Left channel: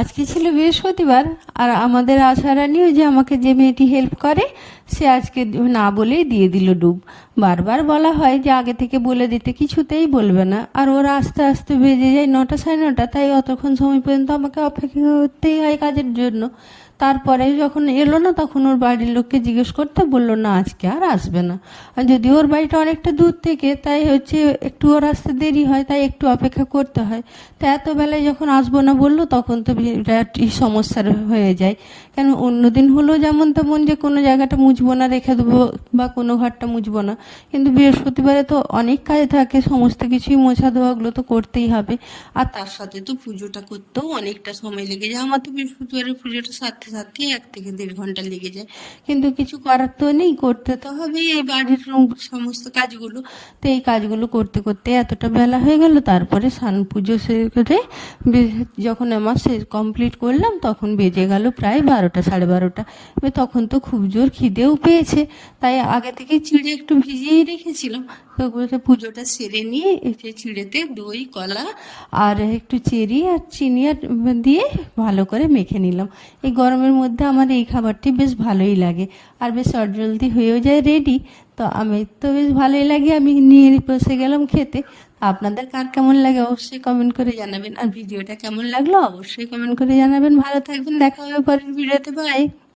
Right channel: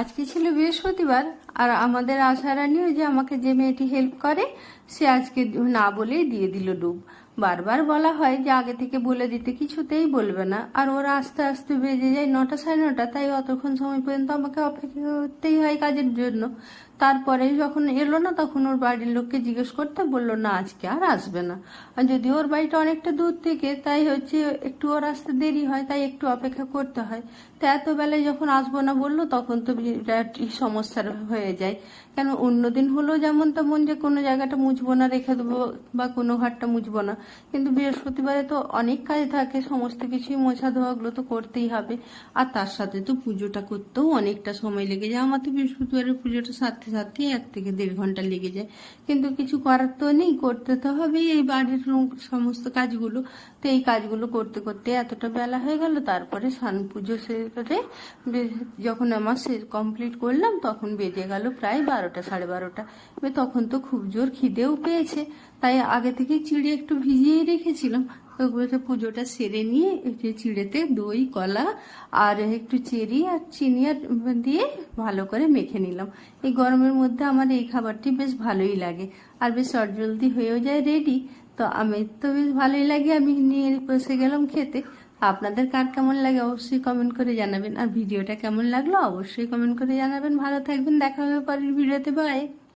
আজকে ছিল বৃহস্পতিবার, আর আমাদের আশারানিও যে আমাকে যে মেয়েটি হেল্প করে সে আজকে না বলেই দিয়ে দিল ডুব। বারবার বলা হয় যে আগে থেকে বলে দিতে, কিছুতেই বলবে না। আর ওরা আস্তে আস্তে বেজে যায় 9টা সাড়ে 9টা, তাই অতক্ষণ সময় পর্যন্ত আমাকে অপেক্ষা করতেই হয় কাজের জন্য। তারপরে যখন এলো না তখন ওর বাড়ির লোককে জিজ্ঞেস করতে বললো না আজকে আর আসবে না। আর যদি ওর বাড়িটা অনেকটা দূর থেকে, তাই হচ্ছে একটু ওর আসতে দেরি হয়, তাই একটু অপেক্ষা করতে হয়। তো এত বেলায় যখন আসবো না বললো তখন তো বিরাটই সমস্যার হয়ে যায়। কেন অন্যদিন হলেও যেমন তেমন যে কোনো জায়গাটা মুছবো না, রেখে দেবো, বা কোনো ঘরটা মুছবো না, কিন্তু বৃহস্পতিবারে তো অনেক কাজ থাকে, সমস্ত কিছুই মোছা ধোয়াগুলো তো করতেই হবে। আর তার সাথে তো পুজোটা করতেও অনেকটা সময় লেগে যায়। আমার তো বৃহস্পতিবারের পুজোটা সারতে সারতে 1 থেকে 1.5 ঘন্টা লেগে যায়, কিন্তু কিছু করার তো নেই, করতে তো হবেই এই বাড়ির সমস্ত কাজগুলো। তো এই কাজগুলো করতে করতে এতটা বেলা হয়ে গেল। তারপরে স্নান পুজো সেরে যখন আমার কমপ্লিট করলাম তখন বেজে গেল প্রায় 12টা সাড়ে 12টা। এবার তখন তো খুব জোর খিদেও পেয়েছে, তাই আগে থেকে চিড়ে একটু ভিজিয়েই রেখেছিলাম। তো বলে পুজোটা সেরে নিয়ে এই যে চিড়েতে দই কলা আর একটু চেরি আর চিনি আর দিয়ে ভালো করে মেখে নিলাম। এই গরমের মধ্যে আমার এই খাবারটি বেশ ভালোই লাগে, আর বেশ জলদি হয়েও যায় রেডি। তো আমি তো বেশ ভালোই লাগে, আমি নিয়ে বসে গেলাম খেতে। আপনাদের কার কেমন লাগে অবশ্যই কমেন্ট করে জানাবেন, আর ভিডিওটা কেমন লাগলো অবশ্যই কমেন্ট করে জানাবেন। ভালো থাকবেন, দেখা হবে পরের ভিডিওতে, বাই।